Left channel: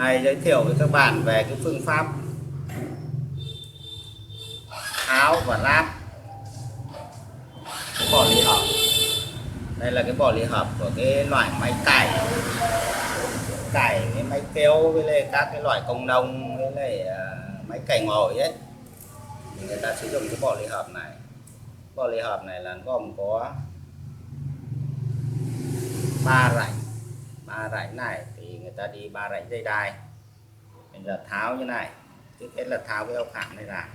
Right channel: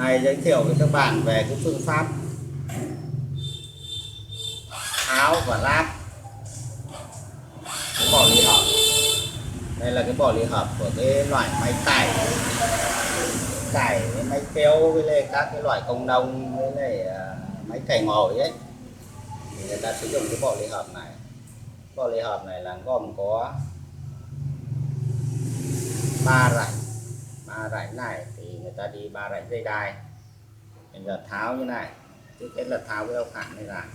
Này giới thiệu với các bạn về cái phương pháp tháo và lắp cái bỏ lì hợp. Đây là cái bỏ lì hợp của cái loại máy cày với máy kéo với lại các cái loại công nông với lại máy cày ngồi ấy, thì người ta sử dụng cái bỏ lì hợp này. Bỏ lì hợp này là gồm có 3 rãnh này, thì người ta đi 3 rãnh dây đai. Bây giờ tháo như này, trước hết là tháo cái ốc hãm này ra.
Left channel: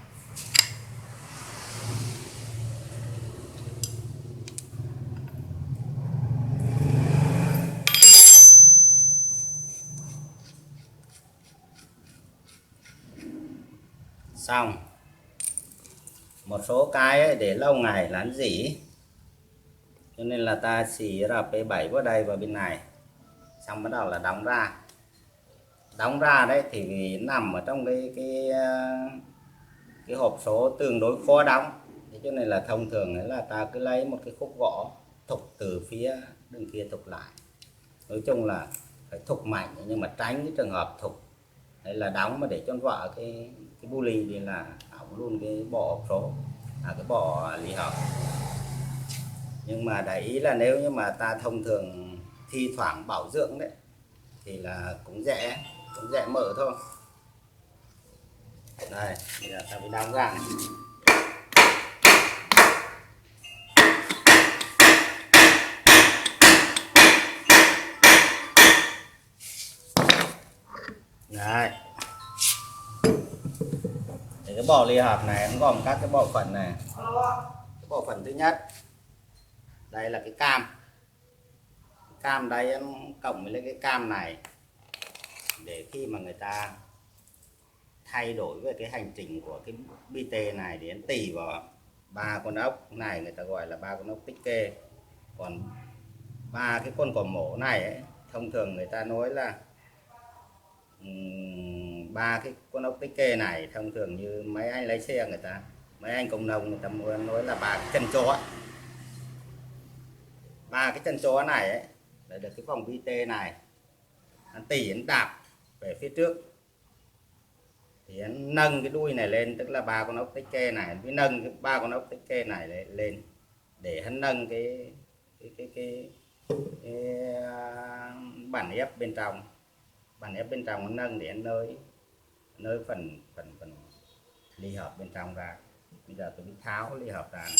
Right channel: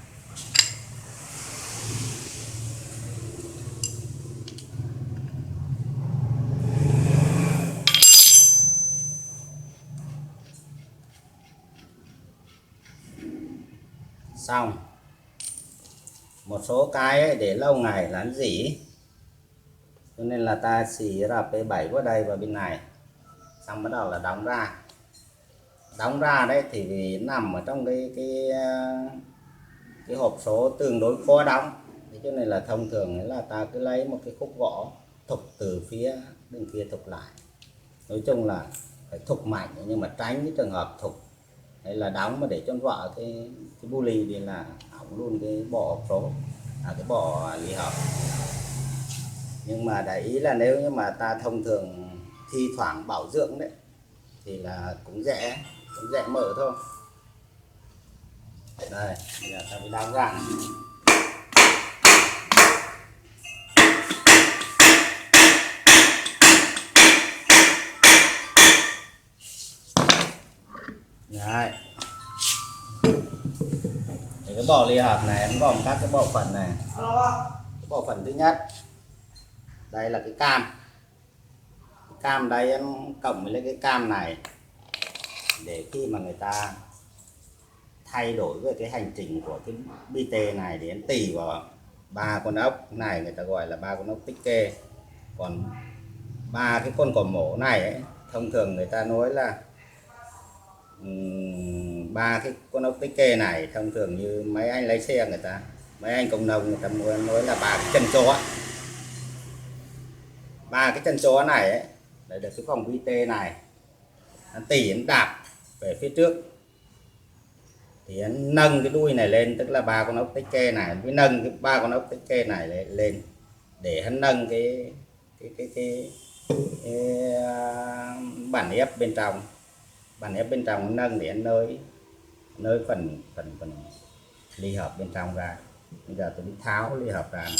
Xong. Một số cái ấy, để lâu ngày là nó rỉ, cho nên là ta xì RP7 vào đây và bên này, xong bắt đầu là đóng ra đấy, thì vì nằm ở trong cái hộp số tương đối khó đóng, thế cho nên là thông thường là ta cứ lấy một cái khúc gỗ thục từ phía bên kia thục lại. Nói chung là phải thục mạnh, nhưng mà tránh cái trường hợp thục hay là đóng mà để cho vợ cái bu lì thì là hỏng luôn cái bộ hộp số, cái bộ lì hợp. Nhưng mà để ý là nếu như mà ta thông thường thi thoảng bảo dưỡng đấy thì là cũng dễ mở thôi. Đây, bây giờ ta phải đóng ra này. Đấy. Thì cái bộ ly hợp này nó gồm các cái bộ phận này. Cái bộ phận thứ nhất, đây là cái cam đây nó cộng với cái cam này, để khi mà người ta thay đổi về cái hành trình của cái bi tê này để nó tì vào 3 con ốc này, người ta gọi là 3 con ốc tích kê. Còn 3 cái con cò mổ này ấy, thông thường người ta nói là 3 cái con ốc tích kê này, thông thường như mấy anh lái xe mấy anh công nông người ta nói là 3 cái chân chó. 3 cái chân chó này ấy, để được cái vòng vi tê này nó tỉ nó đạp về phía trước, thì nó nâng cái đuôi này lên, tức là 3 con ốc tích kê này mới nâng cái 3 con ốc tích kê này lên để hắn nâng cái bản ép bên trong. Bản ép bên trong nó nâng để nơi phần ly hợp bên trong ra. Bây giờ tôi đi tháo ly hợp ra này.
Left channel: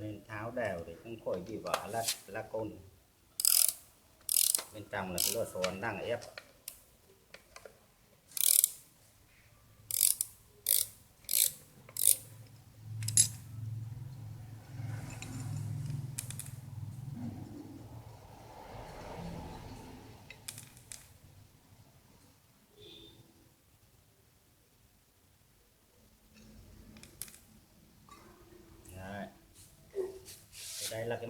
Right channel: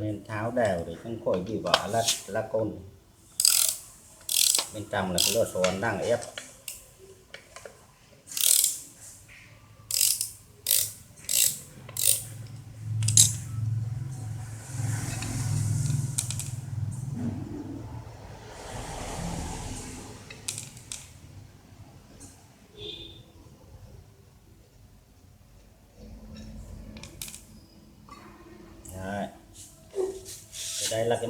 Nên tháo đều để không khỏi bị vỡ lá côn. Bên trong là cái lò xo đang ép. Đây là cái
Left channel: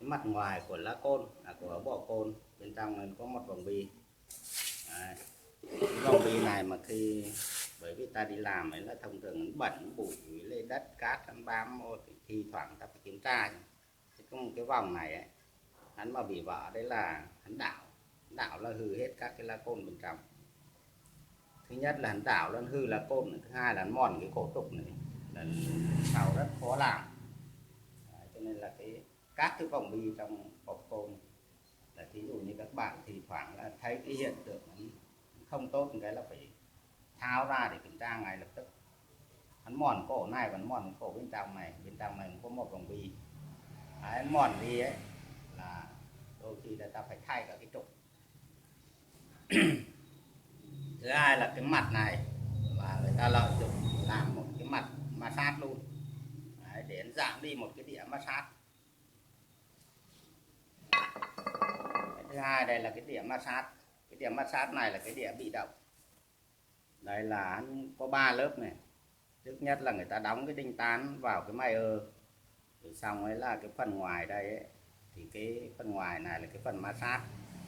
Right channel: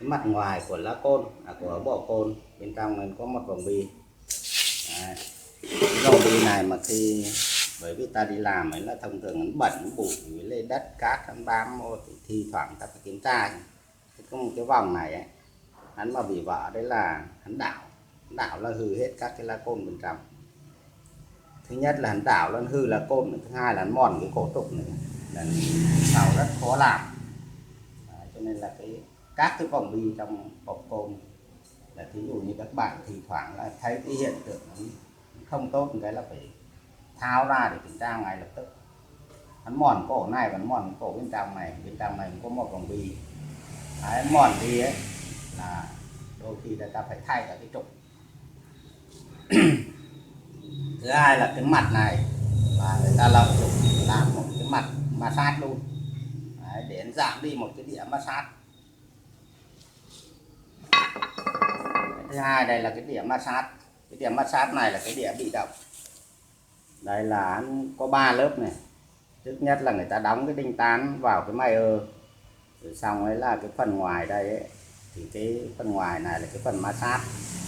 mặt ngoài của lá côn, của bộ côn. Bên trong này có một vòng bi. Đấy. Cái vòng bi này mà khi bởi vì ta đi làm ấy là thông thường nó bẩn bụi với lên đất cát nó bám, thì thi thoảng ta phải kiểm tra. Thì có một cái vòng này ấy, hắn mà bị vỡ đấy là hắn đảo là hư hết các cái lá côn bên trong. Thứ nhất là hắn đảo là hư lá côn, thứ hai là hắn mòn cái cổ trục này, là sau rất khó làm. Đấy, cho nên là các cái vòng bi trong hộp côn là thí dụ như các bạn thì thoảng là thấy cái hiện tượng không tốt, cái là phải tháo ra để kiểm tra ngay lập tức. Hắn mòn cổ này và hắn mòn cổ bên trong này có một vòng bi. Đấy, mòn đi ấy là đôi khi là ta phải thay cả cái trục. Thứ hai là cái mặt này và người ta lợi dụng làm một cái mặt massage luôn. Đấy, để giảm đi một cái đĩa massage. Thứ hai đây là cái đĩa massage. Cái đĩa massage này là cái đĩa bị động. Đây là có 3 lớp này. Trước nhất là người ta đóng cái đinh tán vào cái Mayer, rồi xong ấy là cái phần ngoài đây ấy, thì cái phần ngoài này là cái phần massage.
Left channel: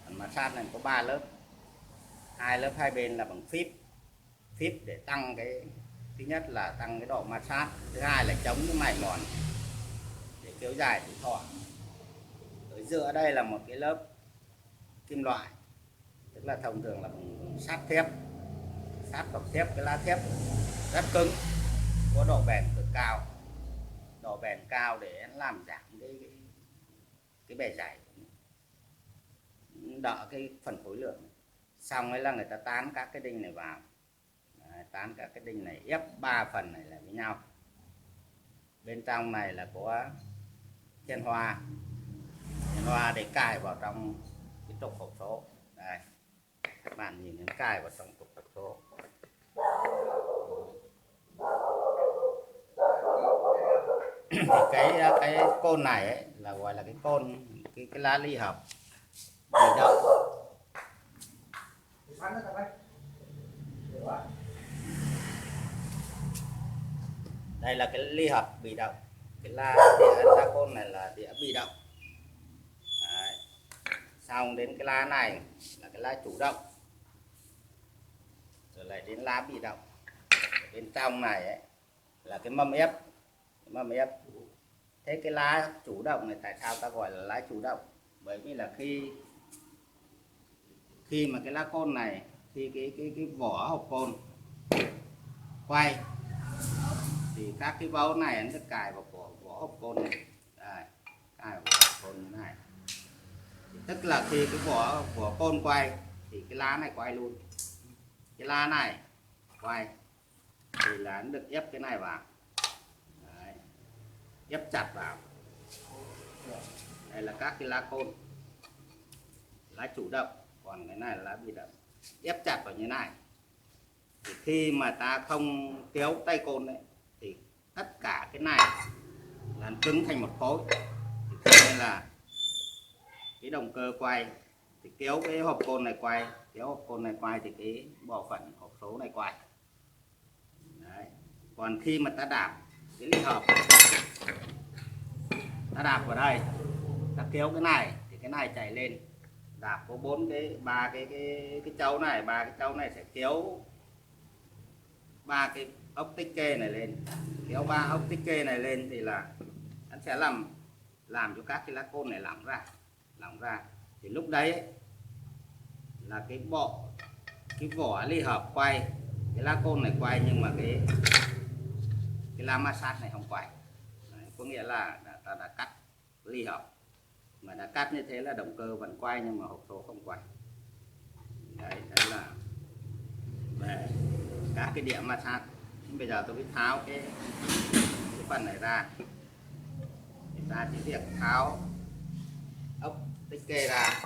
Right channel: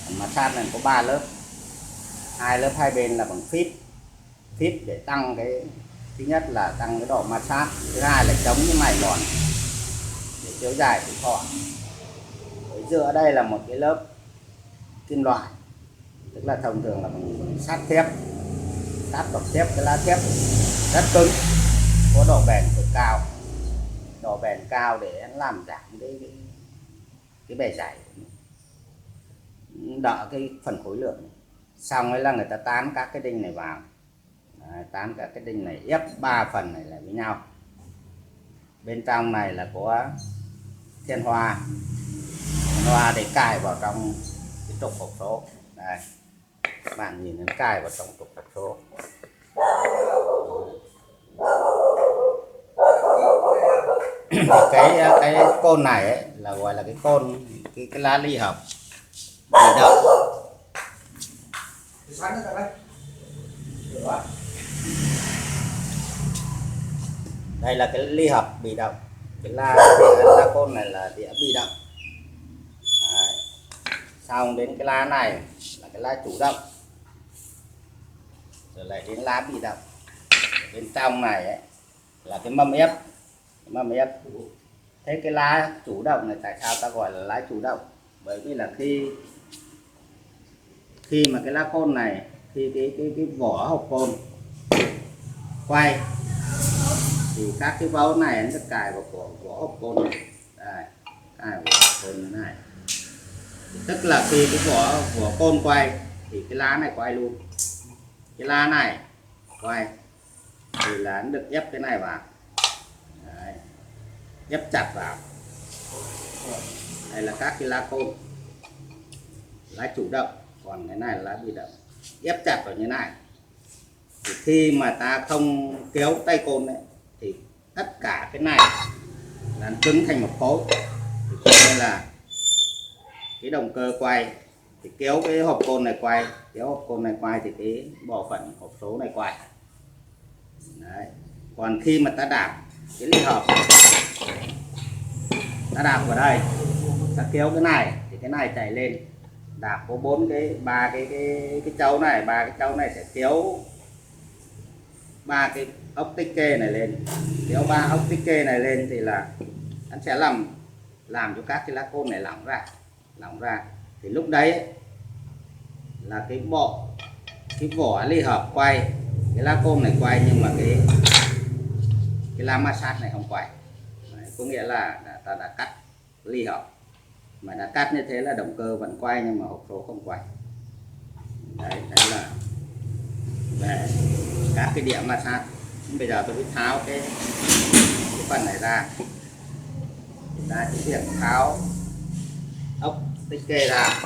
Phần massage này có 3 lớp, 2 lớp hai bên là bằng phíp để tăng cái, thứ nhất là tăng cái độ massage, thứ hai là chống cái mài mòn để kéo dài tuổi thọ. Ở giữa đây là một cái lớp kim loại, tức là thông thường là bằng sắt thép, sắt bọc thép, cái lá thép rất cứng, có độ bền cực cao, độ bền cao để làm giảm cái bề dày, đỡ cái phần khối lượng. Xong ấy là người ta tán các cái đinh này vào. Đấy, tán các cái đinh này, ép 3 phần này lại với nhau. Bên trong này là có thiên hoa để cài vào trong cái trục hộp số. Đây, các bạn nhìn nó cài vào trong trục hộp số. cái côn này ấy, là gọi là cái côn, cái lá ly hợp bị động. Đây là cái ly hợp bị động, cái lá côn này là đĩa bị động. Đấy. Xong đến cái lá này là cái lá chủ động, rồi lại đến lá bị động. Bên trong này ấy, là cái mâm ép. Thế cái lá chủ động này tại sao ta gọi là lá chủ động? Bởi vì là khi mà cái lá côn này, khi cái vỏ hộp côn quay thì các cái vấu này nó được cài vào vỏ hộp côn này. Đây, cài vào vỏ hộp côn như này. Tức là khi cái vỏ côn quay thì cái lá này quay luôn, cái lá này quay thì là nó được ép cái này vào. Đấy, ép chặt vào. Đây là các cái lá côn, lá chủ động, còn cái này là lá bị động, ép chặt vào như này. Thì khi mà ta không kéo tay côn đấy thì tất cả cái này là cứng thành một khối. Thì cho nên là cái động cơ quay thì kéo cái hộp côn này quay, thì cái bộ phận hộp số này quay. Đấy. Còn khi mà ta đạp cái ly hợp, ta đạp vào đây, ta kéo cái này thì cái này chạy lên. Đạp có ba cái châu này, sẽ kéo 3 cái ốc tích kê này lên, kéo 3 ốc tích kê này lên thì là nó sẽ làm cho các cái lá côn này lỏng ra. Thì lúc đấy ấy, là cái vỏ ly hợp quay, cái lá côn này quay, nhưng mà cái lá massage này không quay. Đấy, có nghĩa là ta đã cắt ly hợp, mà đã cắt như thế là động cơ vẫn quay nhưng mà hộp số không quay. Đấy là về các cái đĩa massage. Bây giờ tôi mới tháo cái phần này ra. Chúng ta chỉ việc tháo ốc tích kê ra.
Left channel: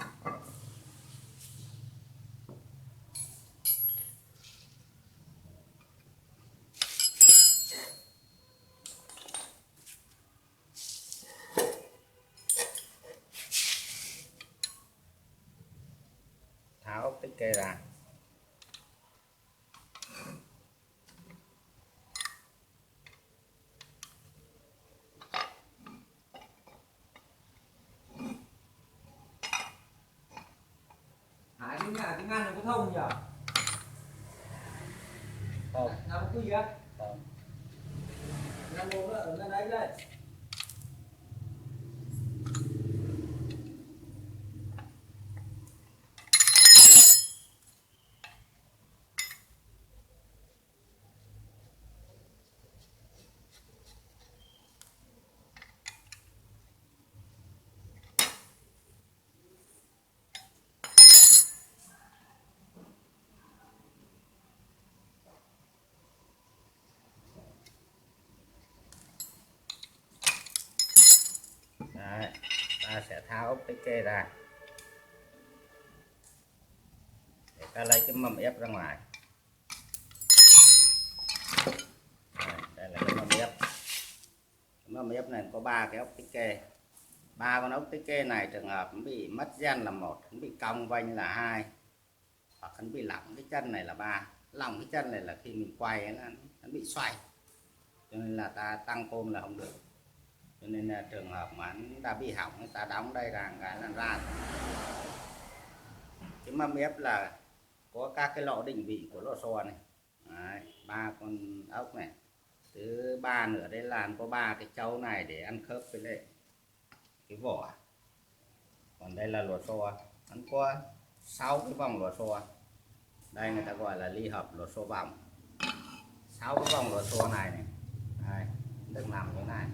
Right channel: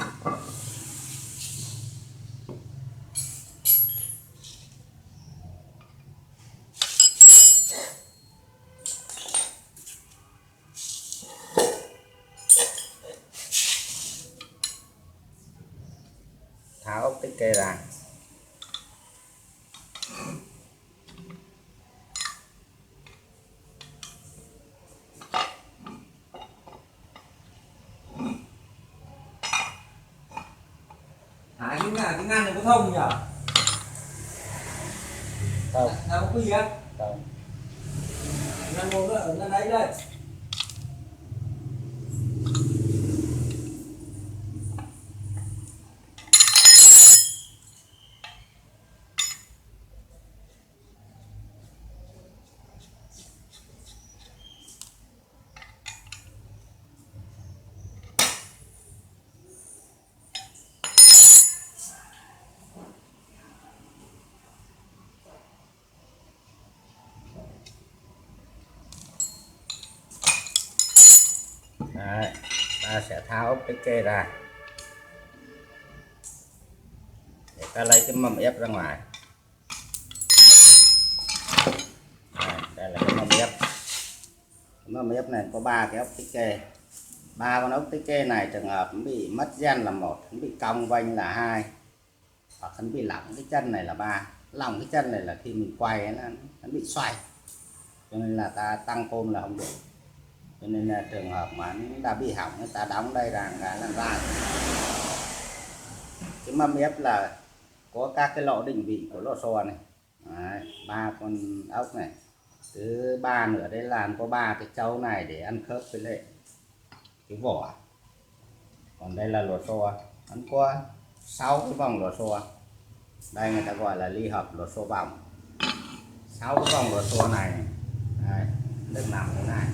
Tháo ốc tích kê ra. Cái ngăn này có thông nhỉ? Không. Nào có gì á? Không. Ngăn một nữa, ở ngăn đấy đây. Đấy, ta sẽ tháo ốc tích kê ra để ta lấy cái mâm ép ra ngoài. Đây là cái mâm ép. Mâm ép này có 3 cái ốc tích kê. 3 con ốc tích kê này trường hợp nó bị mất gen là 1, nó bị cong vênh là 2, hoặc nó bị lỏng cái chân này là 3. Lỏng cái chân này là khi mình quay nó bị xoay, cho nên là ta tăng côn là không được. Cho nên là trường hợp mà nó đã bị hỏng, người ta đóng đây là cái là ra. Cái mâm ép là có các cái lỗ định vị của lò xo này. Đấy, 3 con ốc này. Thứ 3 nữa đây là có 3 cái trâu này để ăn khớp với lại cái vỏ. Còn đây là lò xo, nó có 6 cái vòng lò xo. Đây người ta gọi là ly hợp lò xo vòng. 6 cái vòng lò xo này, đây, được nằm thế này.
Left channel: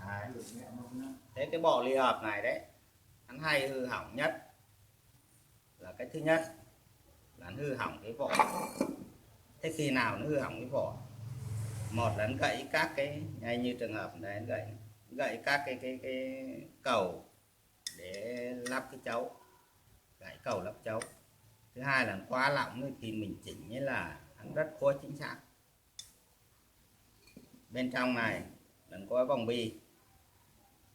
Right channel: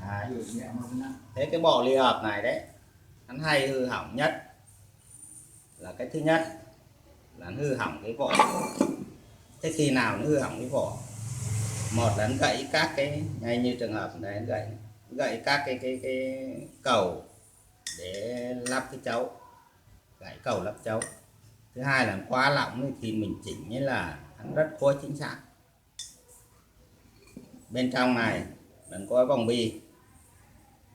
Đấy. Thế cái bộ ly hợp này đấy, hắn hay hư hỏng nhất là cái thứ nhất là hư hỏng cái vỏ. Thế khi nào nó hư hỏng cái vỏ? Một là nó gãy các cái, ngay như trường hợp này, nó gãy các cái cầu để lắp cái chấu, gãy cầu lắp chấu. Thứ hai là quá lỏng thì mình chỉnh như là hắn rất khó chính xác. Bên trong này vẫn có vòng bi.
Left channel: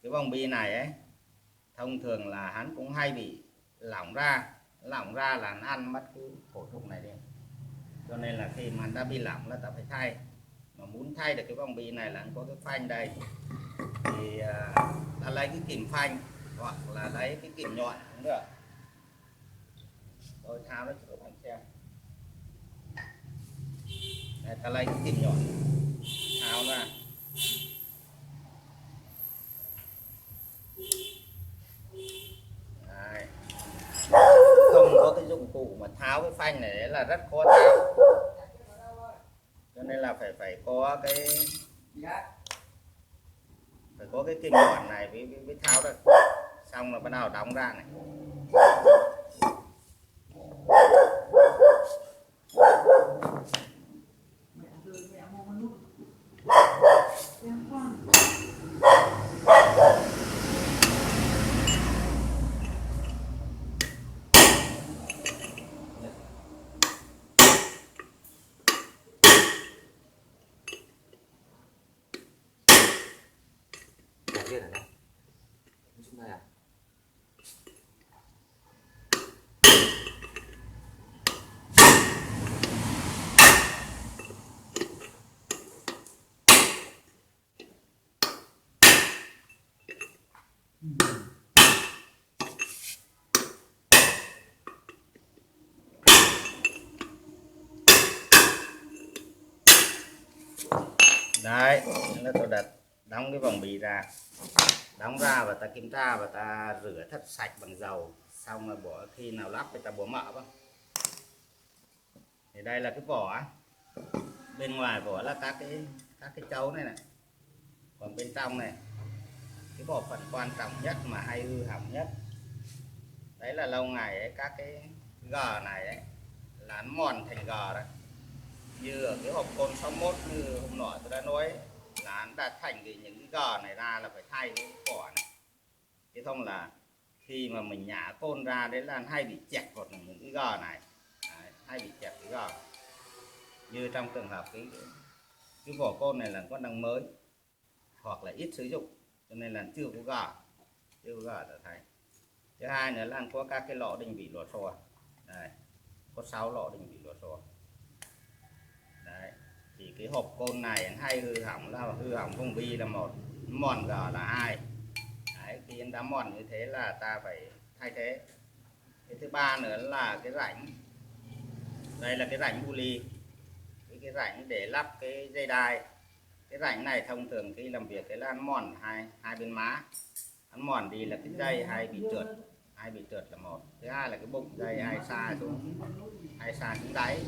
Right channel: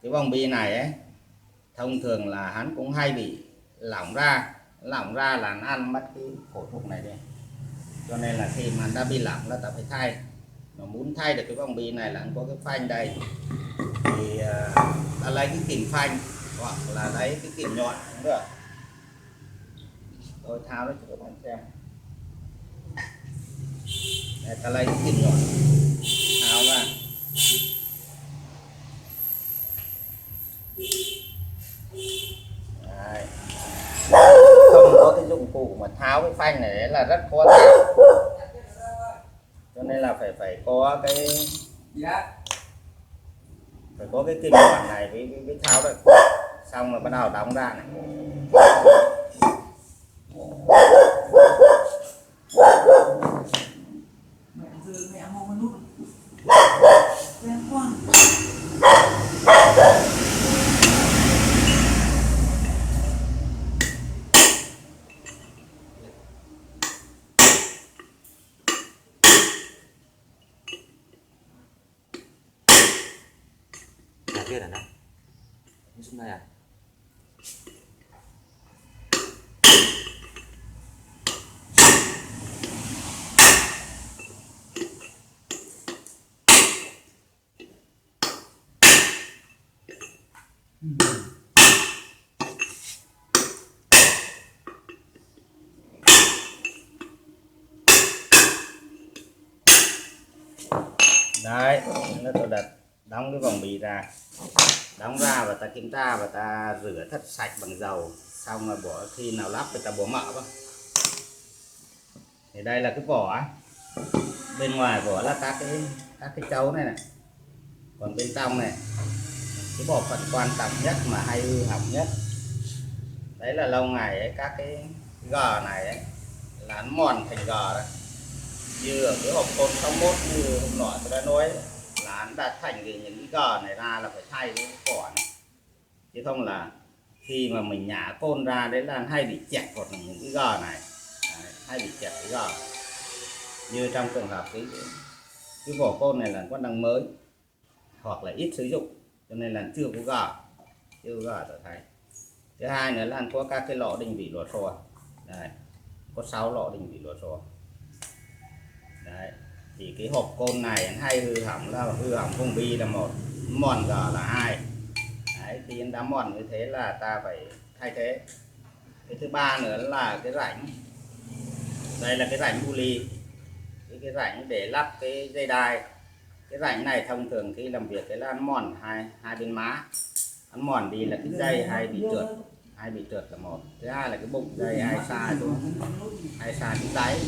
Cái vòng bi này ấy thông thường là hắn cũng hay bị lỏng ra là nó ăn mất cái cổ thục này đi. Cho nên là khi mà đã bị lỏng là ta phải thay. Mà muốn thay được cái vòng bi này là có cái phanh đây, thì ta lấy cái kìm phanh hoặc là lấy cái kìm nhọn cũng được. Tôi tháo nó cho các bạn xem. Đây, ta lấy cái kìm nhọn tháo ra. Đấy. Không có cái dụng cụ mà tháo cái phanh này là rất khó tháo. Cho nên là phải có cái kìm nhọn này với tháo đấy. Xong là bắt đầu đóng ra này. Kia là nó xuống đây à? Đấy, nó tôi đặt đóng cái vòng bì ra, đóng ra và ta kiểm tra và ta rửa thật sạch bằng dầu, xong là bỏ khi nào lắp thì ta bỏ mỡ vào. Thì đây là cái vỏ, bên ngoài vỏ là các cái chấu này này, còn bên trong này cái bộ phận quan trọng nhất mà hay hư hỏng nhất đấy là lâu ngày ấy, các cái gờ này ấy, là nó mòn thành gờ đấy. Như ở cái hộp côn 61 như hôm nọ tôi đã nói ấy, là nó đã thành những cái gờ này ra là phải thay cái vỏ này, chứ không là khi mà mình nhả côn ra đấy là hay bị chẹt hoặc là những cái gờ này đấy, hay bị chẹt cái gờ. Như trong trường hợp cái vỏ côn này là con đang mới hoặc là ít sử dụng cho nên là chưa có gờ trở thành. Thứ hai nữa là có các cái lỗ định vị lò xo, đây có 6 lỗ định vị lò xo. Đấy, thì cái hộp côn này hay hư hỏng là hư hỏng vùng bi là 1, mòn gờ là 2. Đấy, khi đã mòn như thế là ta phải thay thế. Cái thứ ba nữa là cái rãnh, đây là cái rãnh bu ly, cái rãnh để lắp cái dây đai. Cái rãnh này thông thường khi làm việc cái là nó mòn hai bên má, nó mòn đi là cái dây hay bị trượt là 1. Thứ hai là cái bụng dây hay xa xuống đáy.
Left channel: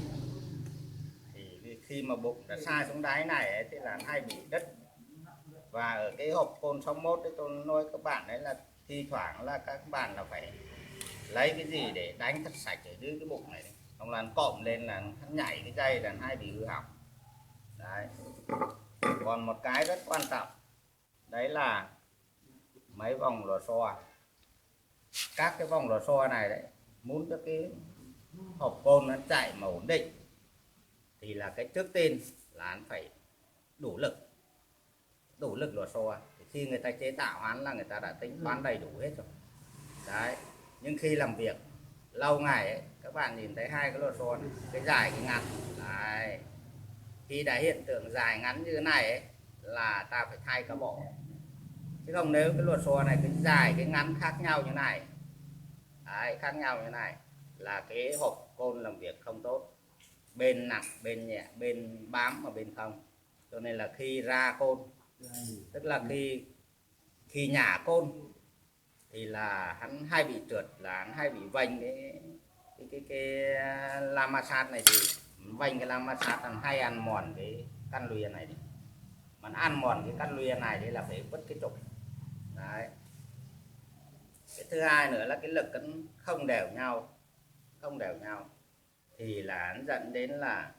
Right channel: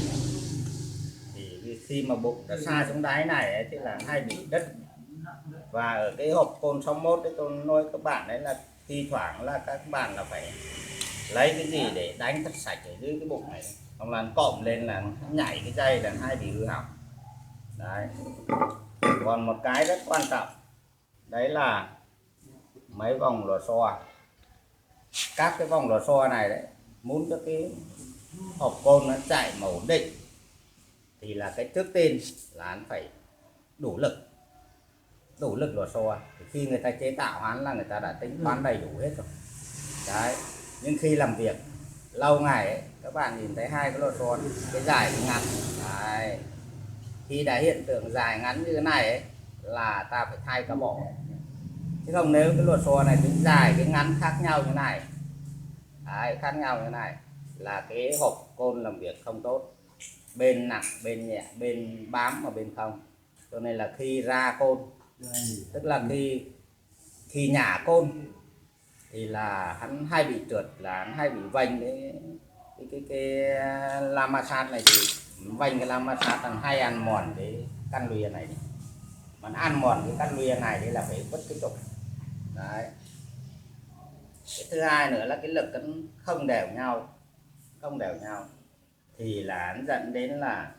Thì khi mà bụng đã xa xuống đáy này ấy, thì là hay bị đứt. Và ở cái hộp côn 61 đấy tôi nói các bạn đấy là thi thoảng là các bạn là phải lấy cái gì để đánh thật sạch ở dưới cái bụng này, không là cộm lên là nhảy cái dây là hay bị hư hỏng. Đấy. Còn một cái rất quan trọng đấy là mấy vòng lò xo, các cái vòng lò xo này đấy, muốn cho cái hộp côn nó chạy mà ổn định thì là cái trước tiên là anh phải đủ lực lò xo. Thì khi người ta chế tạo hắn là người ta đã tính toán đầy đủ hết rồi đấy. Nhưng khi làm việc lâu ngày ấy, các bạn nhìn thấy hai cái lò xo này, cái dài cái ngắn đấy. Khi đã hiện tượng dài ngắn như thế này ấy, là ta phải thay cả bộ. Chứ không nếu cái lò xo này cái dài cái ngắn khác nhau như này đấy, khác nhau như thế này là cái hộp côn làm việc không tốt, bên nặng bên nhẹ, bên bám mà bên không. Cho nên là khi ra côn, tức là khi nhả côn thì là hắn hay bị trượt, là hắn hay bị vênh cái lama sát này. Thì vênh cái lama sát hắn hay ăn mòn cái căn lùi này đi. Mà ăn mòn cái căn lùi này thì là phải vứt cái trục đấy. Cái thứ hai nữa là cái lực cân không đều nhau thì là nó dẫn đến là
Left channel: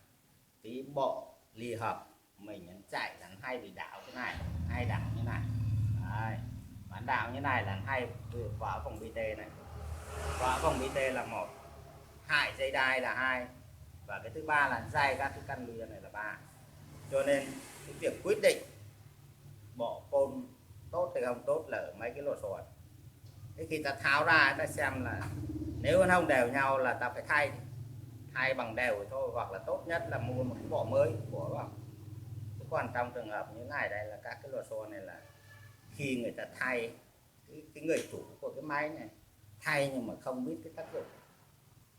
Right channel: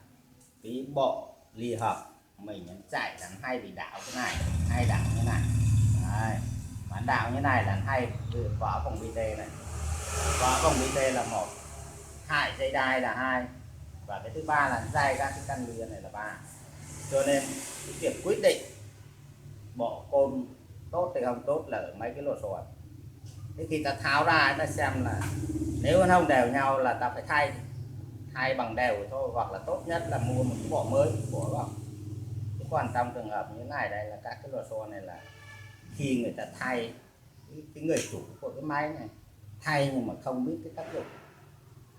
cái bộ ly hợp mình nó chạy là nó hay bị đảo cái này, hay đảo như này đấy. Mà đảo như này là hay vỏ vòng BT này, vỏ vòng BT là một, hại dây đai là hai, và cái thứ ba là dây các cái căn lưới này là ba. Cho nên cái việc quyết định bộ côn tốt hay không tốt là ở mấy cái lò xo. Thế khi ta tháo ra ta xem là nếu nó không đều nhau là ta phải thay bằng đều thôi, hoặc là tốt nhất là mua một cái bộ mới của vào. Chứ còn trong trường hợp như thế này đây là các cái lò xo này là khi người ta thay, cái người chủ của cái máy này thay nhưng mà không biết cái tác dụng.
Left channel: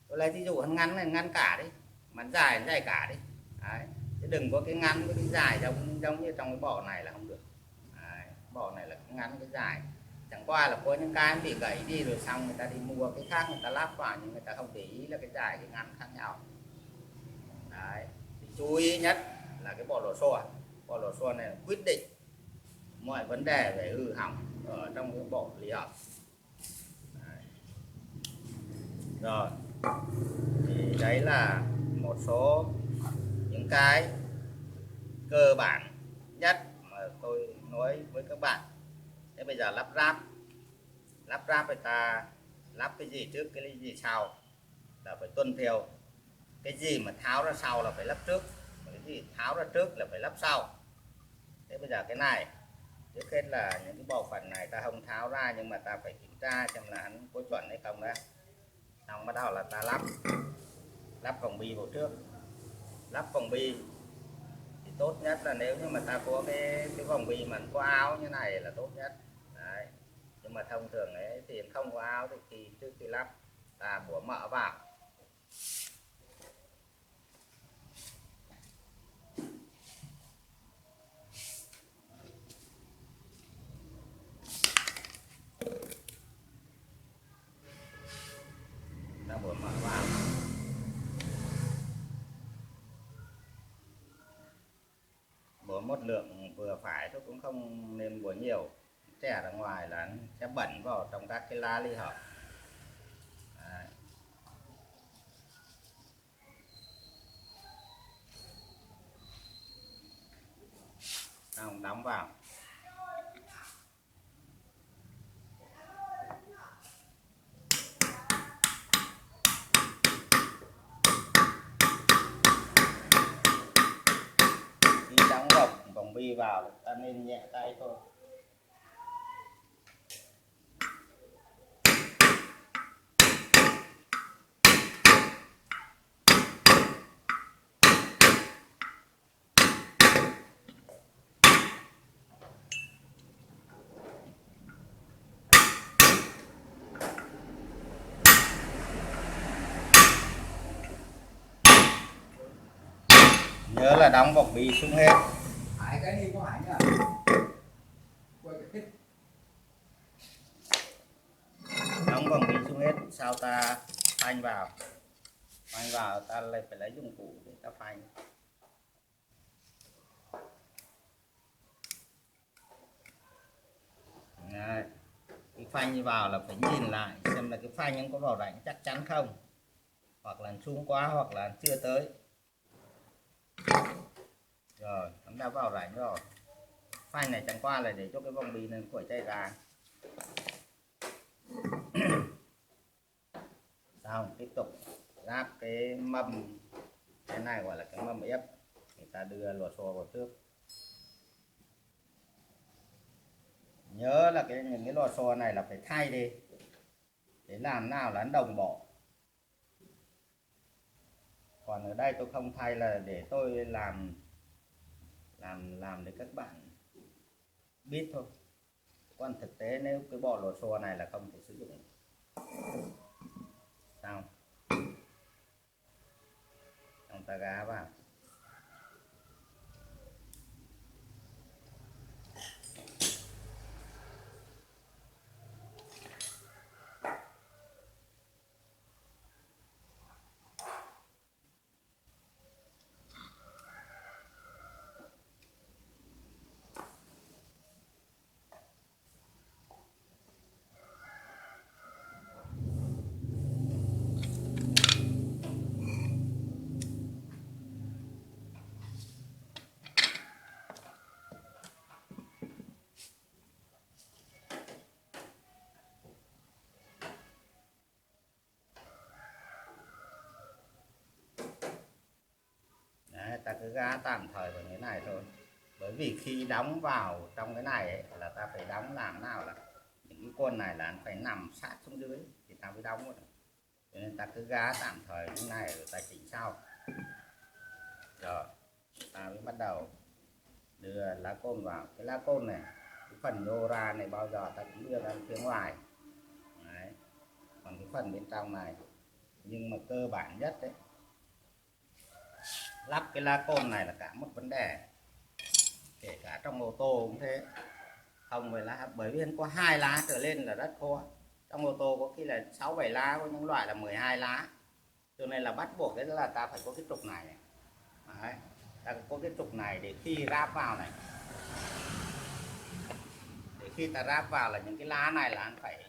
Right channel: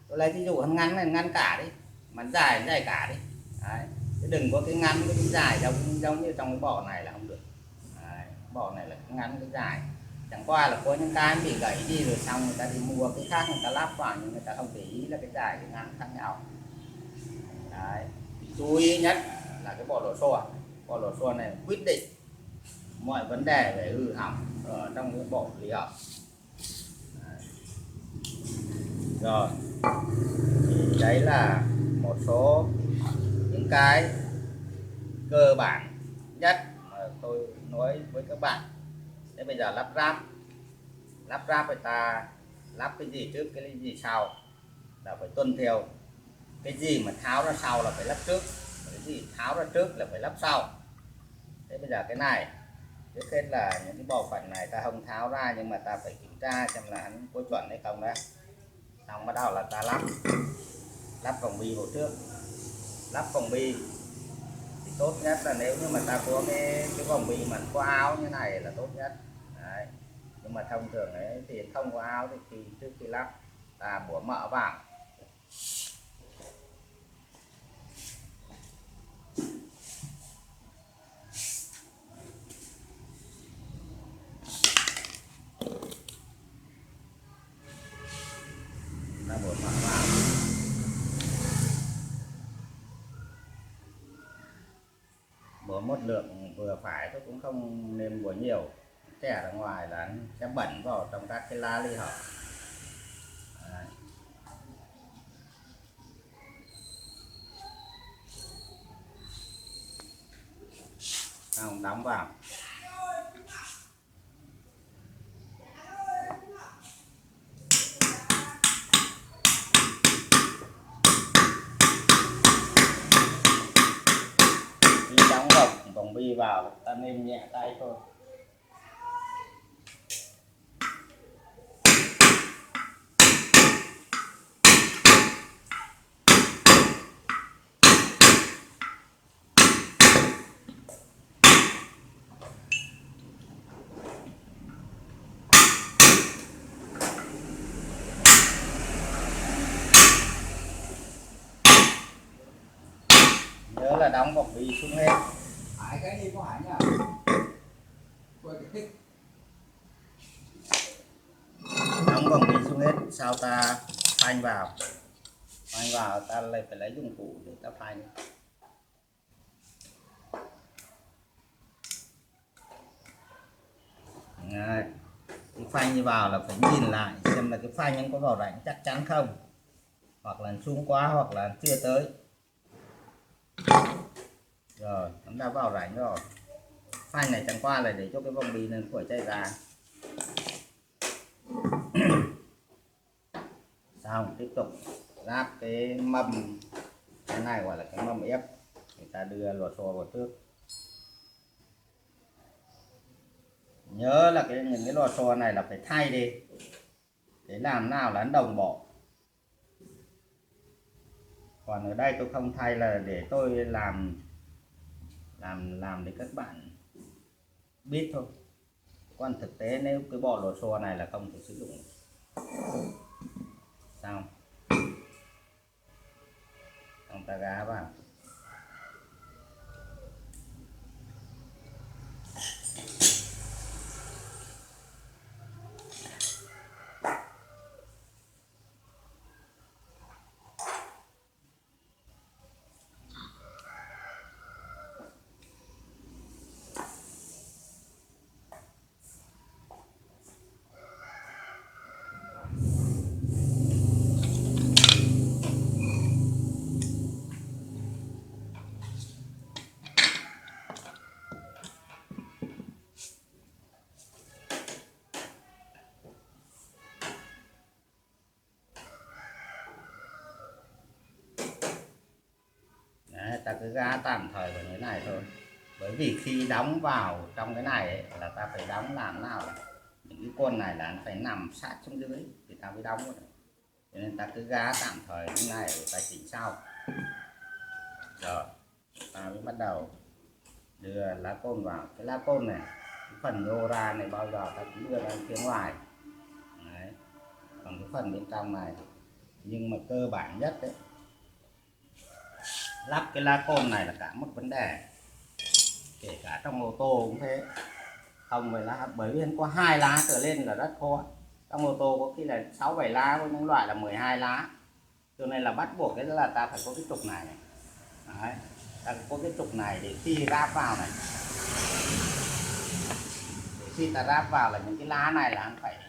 Tôi lấy ví dụ ngắn này ngắn cả đi, mà dài cả đi đấy. Chứ đừng có cái ngắn với cái dài giống như trong cái bộ này là không được đấy. Bộ này là cái ngắn cái dài, chẳng qua là có những cái bị gãy đi rồi xong người ta đi mua cái khác người ta lắp vào, nhưng người ta không để ý là cái dài cái ngắn khác nhau đấy. Thì chú ý nhất là cái bộ lò xo này quyết định mọi vấn đề về hư hỏng ở trong cái bộ ly hợp. Rồi thì đấy là một số những cái cơ bản nhất mà tôi nói với các bạn. Thế bây giờ lắp ráp người ta lắp cái gì trước cái gì sau là phải tuân theo. Cái gì mà tháo ra sau là phải lắp trước, cái gì tháo ra trước là phải lắp sau. Thế bây giờ cái này trước hết là những cái bộ phận này ta không tháo ra, nhưng mà ta phải kiểm tra xem là hắn có chuẩn hay không đã. Xong bắt đầu là ta lắp vòng bi vào trước. Lắp vòng bi thì tốt nhất là nếu như mà ta có cái vòng bi mà có áo như này là tốt nhất đấy. Nhưng mà thông thường ấy thì không có áo thì trước khi lắp ta bủa mỡ vào. Ta bủa mỡ vào. Bủa một lượng vừa phải thôi, cũng không nên bủa nhiều, chẻ ra ngoài là nó sẽ bẩn vào trong các cái lá ly hợp. Xong đóng vào. Khi đóng vòng bi vào ta nên nhẹ tay thôi. Nhớ là đóng vòng bi xuống hết. Hải cái đi có hải nhá. Quay cái thích. Đóng vòng bi xuống hết, sau ta phanh vào ta lại phải lấy dụng cụ để ta phanh. Đấy. Cái phanh như vào là phải nhìn lại xem là cái phanh nó có vào rãnh chắc chắn không, hoặc là xuống quá hoặc là chưa tới. Rồi, chúng ta vào rãnh rồi. Phanh này chẳng qua là để cho cái vòng bi này khỏi chạy ra. Xong tiếp tục ráp cái mâm, cái này gọi là cái mâm ép, người ta đưa lò xo vào trước. Nhớ là những cái lò xo này là phải thay đi để làm nào là đồng bộ. Còn ở đây tôi không thay là để tôi làm để các bạn biết thôi. Còn thực tế nếu cái bộ lò xo này là không thể sử dụng. Xong ta gá vào. Đấy, ta cứ gá tạm thời vào như thế này thôi. Bởi vì khi đóng vào trong cái này ấy, là ta phải đóng làm nào là những cái con này là nó phải nằm sát xuống dưới thì ta mới đóng vào được. Cho nên ta cứ gá tạm thời như này rồi ta chỉnh sau. Rồi ta mới bắt đầu đưa lá côn vào. Cái lá côn này, cái phần nhô ra này bao giờ ta cũng đưa ra phía ngoài. Đấy. Còn cái phần bên trong này, nhưng mà cơ bản nhất đấy, lắp cái lá côn này là cả một vấn đề. Kể cả trong ô tô cũng thế, không phải lá, bởi vì có 2 lá trở lên là rất khó. Trong ô tô có khi là 6-7 lá, có những loại là 12 lá, cho nên là bắt buộc cái là ta phải có cái trục này. Đấy, ta phải có cái trục này để khi ráp vào này, để khi ta ráp vào là những cái lá này là hắn phải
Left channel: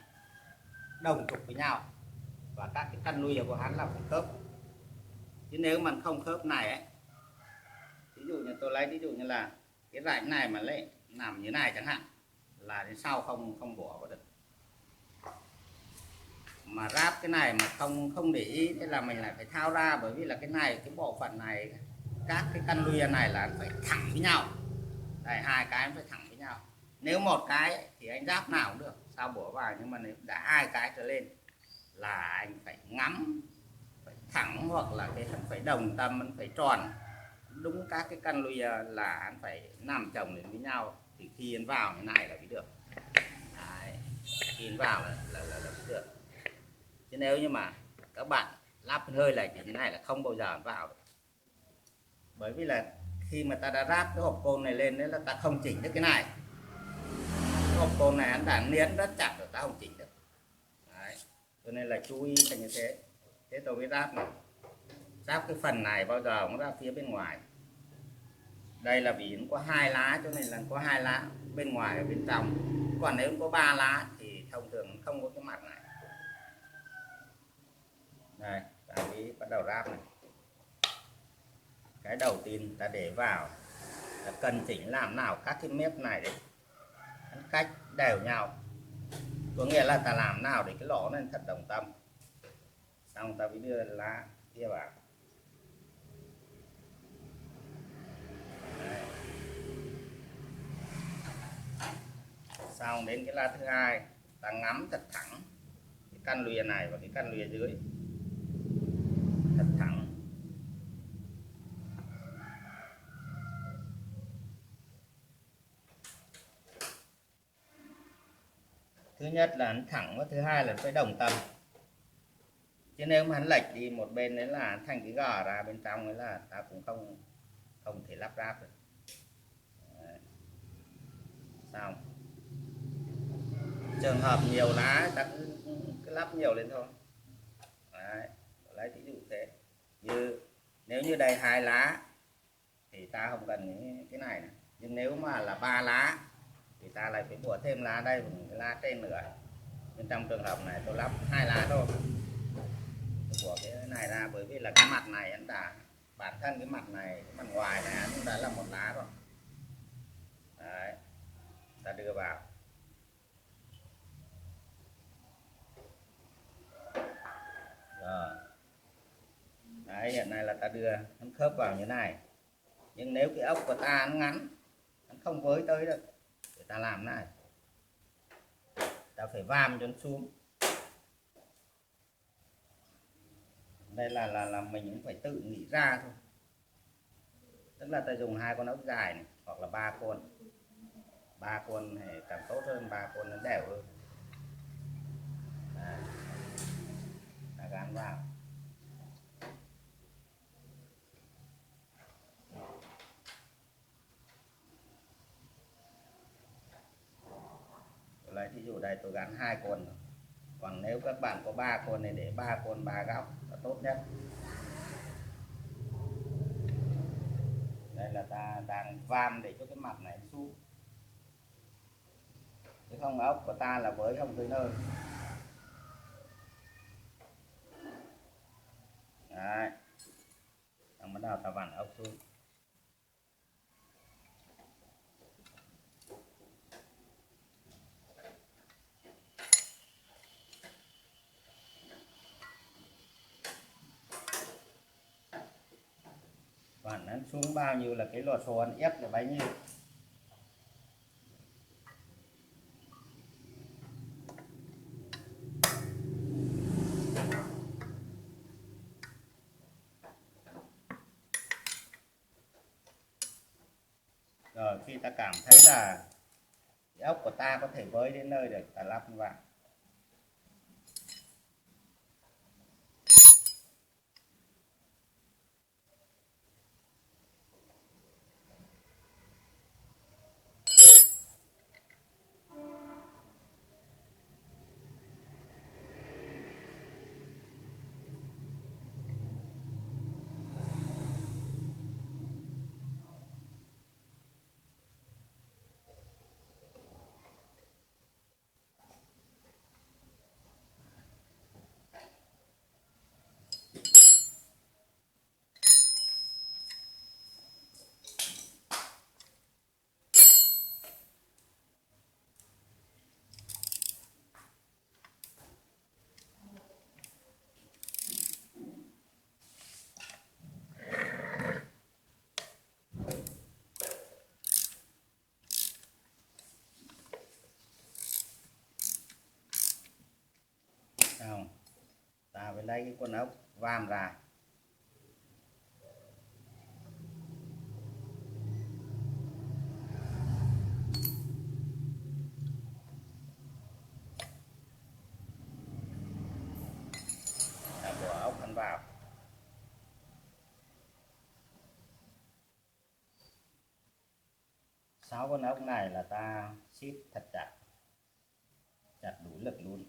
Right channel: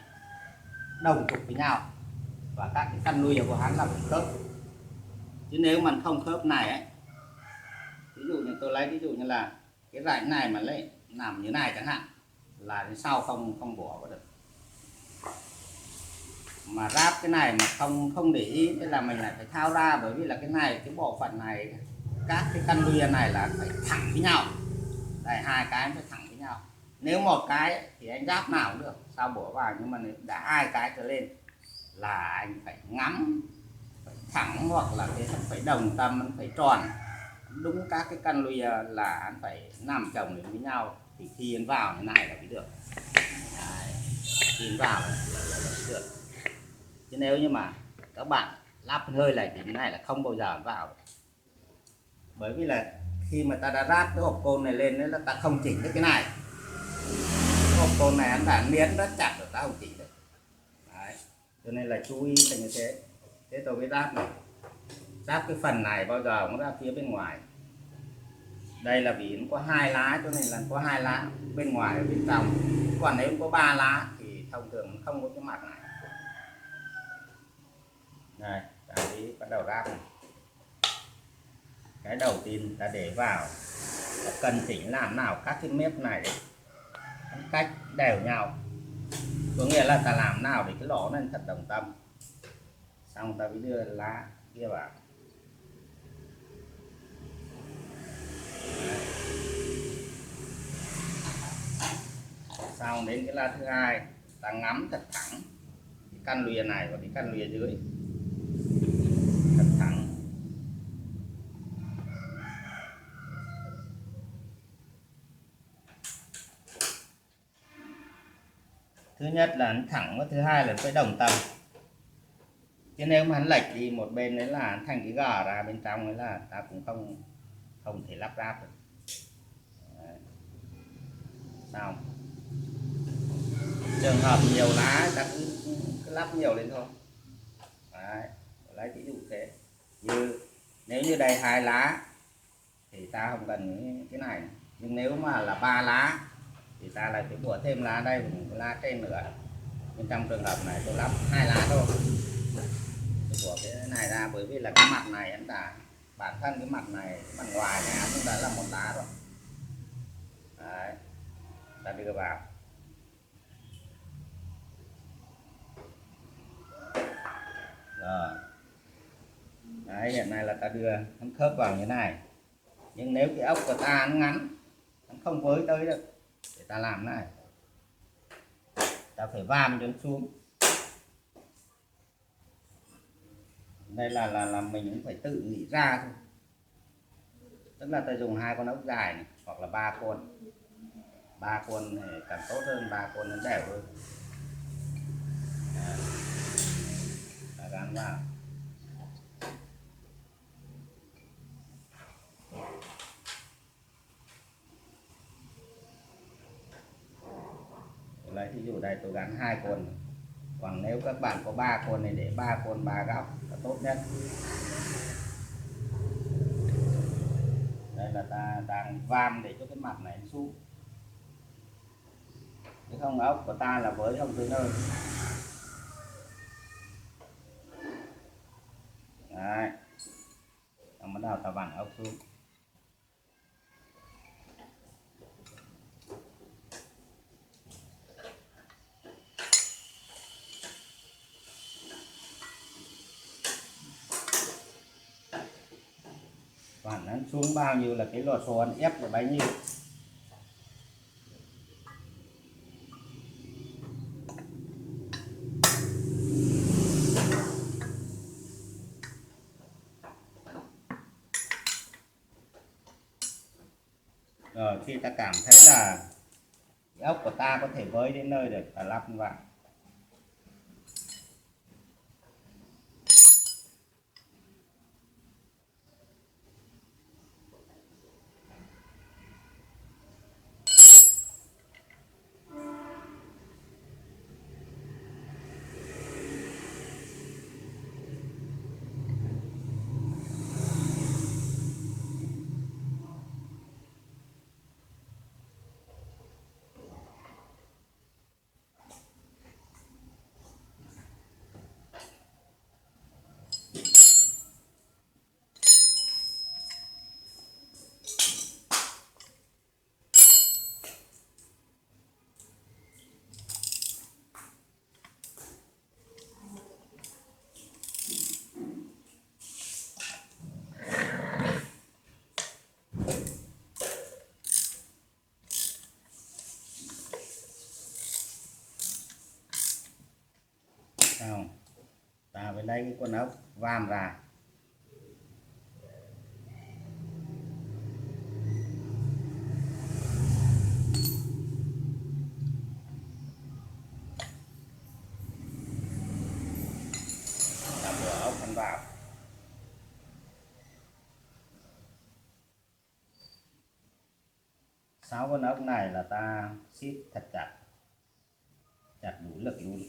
đồng trục với nhau, và các cái căn nuôi của hắn là phải khớp. Chứ nếu mà không khớp này ấy, ví dụ như tôi lấy ví dụ như là cái rãnh này mà lấy nằm như này chẳng hạn, là đến sau không bỏ vào được. Mà ráp cái này mà không để ý, thế là mình lại phải thao ra, bởi vì là cái này, cái bộ phận này, các cái căn lùi này là phải thẳng với nhau. Đây, 2 cái phải thẳng với nhau. Nếu một cái thì anh ráp nào cũng được, sao bỏ vào, nhưng mà nếu đã 2 cái trở lên là anh phải ngắm, phải thẳng, hoặc là cái phải đồng tâm, nó phải tròn đúng các cái căn lùi, là anh phải nằm chồng lên với nhau thì khi anh vào như này là mới được. Đấy, khi anh vào là mới được. Chứ nếu như mà các bạn lắp hơi này thì cái này là không bao giờ vào được. Bởi vì là khi mà ta đã ráp cái hộp côn này lên, đấy là ta không chỉnh được cái này. Cái hộp côn này anh đã niến rất chặt rồi, ta không chỉnh được. Đấy, cho nên là chú ý là như thế. Thế tôi mới ráp này, ráp cái phần này bao giờ cũng ra phía bên ngoài. Đây là vì nó có 2 lá, cho nên là có 2 lá bên ngoài và bên trong. Còn nếu có 3 lá thì thông thường nó không có cái mặt này. Đây, ta đi bắt đầu ráp này. Cái đầu tiên ta để vào là cần chỉnh làm nào các cái mép này để cách đều nhau. Có nghĩa là ta làm nào để cái lỗ này thật đồng tâm. Xong ta mới đưa lá kia vào. Đấy. Xong đến cái lá thứ hai, ta ngắm thật thẳng cái căn lùi này và cái căn lùi dưới thật thẳng. Thứ nhất là hắn thẳng, và thứ hai là phải đồng tâm. Chứ nếu mà hắn lệch đi một bên đấy là hắn thành cái gò ra bên trong, đấy là ta cũng không thể lắp ráp được. Đấy. Xong. Trường hợp nhiều lá ta cứ lắp nhiều lên thôi. Đấy, lấy ví dụ thế. Như nếu như đây 2 lá thì ta không cần cái này. Nhưng nếu mà là 3 lá thì ta lại phải bổ thêm lá đây, một cái lá trên nữa. Nhưng trong trường hợp này tôi lắp 2 lá thôi, tôi bỏ cái này ra, bởi vì là cái mặt này anh đã, bản thân cái mặt này, cái mặt ngoài này cũng đã là một lá rồi. Đấy, ta đưa vào. Rồi Đấy, hiện nay là ta đưa nó khớp vào như này, nhưng nếu cái ốc của ta nó ngắn, nó không với tới được, để ta làm này, ta phải vam cho nó xuống. Đây là mình cũng phải tự nghĩ ra thôi, tức là ta dùng 2 con ốc dài này, hoặc là 3 con thì càng tốt hơn, 3 con nó đều hơn. Ta gắn vào. Lấy ví dụ đây tôi gắn 2 con, còn nếu các bạn có 3 con này để 3 con 3 góc là tốt nhất. Đây là ta đang vam để cho cái mặt này xuống, chứ không ốc của ta là với không tới nơi. Đấy, xong bắt đầu ta vặn ốc xuống. Vặn nó xuống bao nhiêu là cái lò xo nó ép được bấy nhiêu. Rồi khi ta cảm thấy là cái ốc của ta có thể với đến nơi được, ta lắp vào. Không, ta phải lấy cái con ốc vam ra. Ta bỏ ốc hắn vào. Sáu con ốc này là ta siết thật chặt, chặt đủ lực luôn.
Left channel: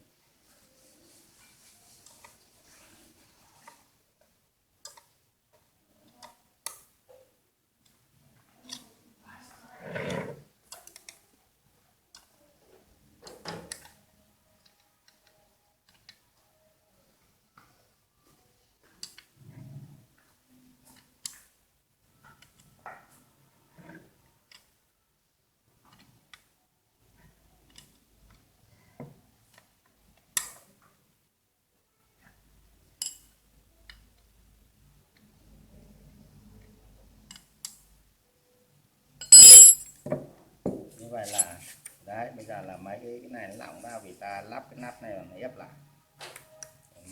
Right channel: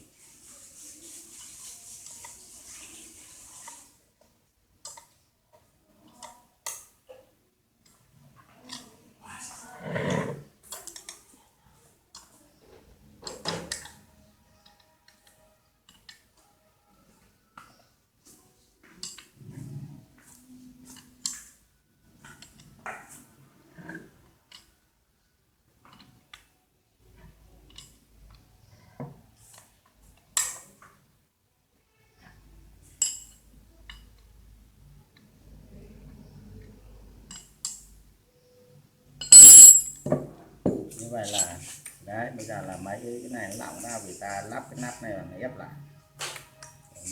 Như vậy là đấy, bây giờ là mấy cái này nó lỏng ra vì ta lắp cái nắp này và nó ép lại,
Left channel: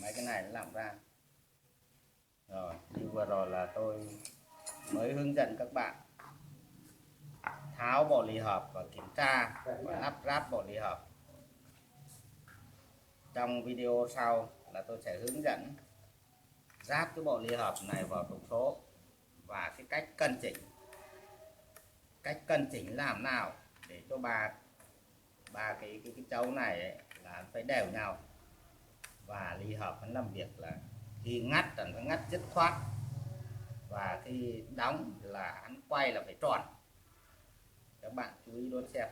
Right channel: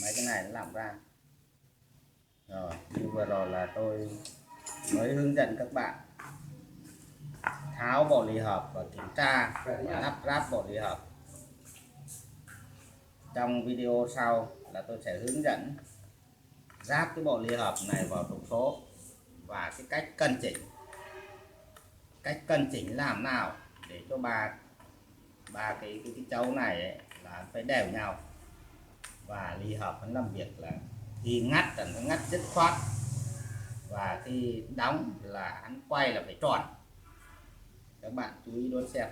mấy cái này nó lỏng ra. Rồi như vừa rồi là tôi mới hướng dẫn các bạn tháo bộ ly hợp và kiểm tra và lắp ráp bộ ly hợp. Trong video sau là tôi sẽ hướng dẫn ráp cái bộ ly hợp này vào trục số và cái cách cân chỉnh làm nào để cho ba cái chấu này ấy, là phải đều nhau, và ly hợp nó làm việc là khi ngắt là nó ngắt dứt khoát, và khi đóng là hắn quay là phải tròn. Các bạn chú ý đón xem.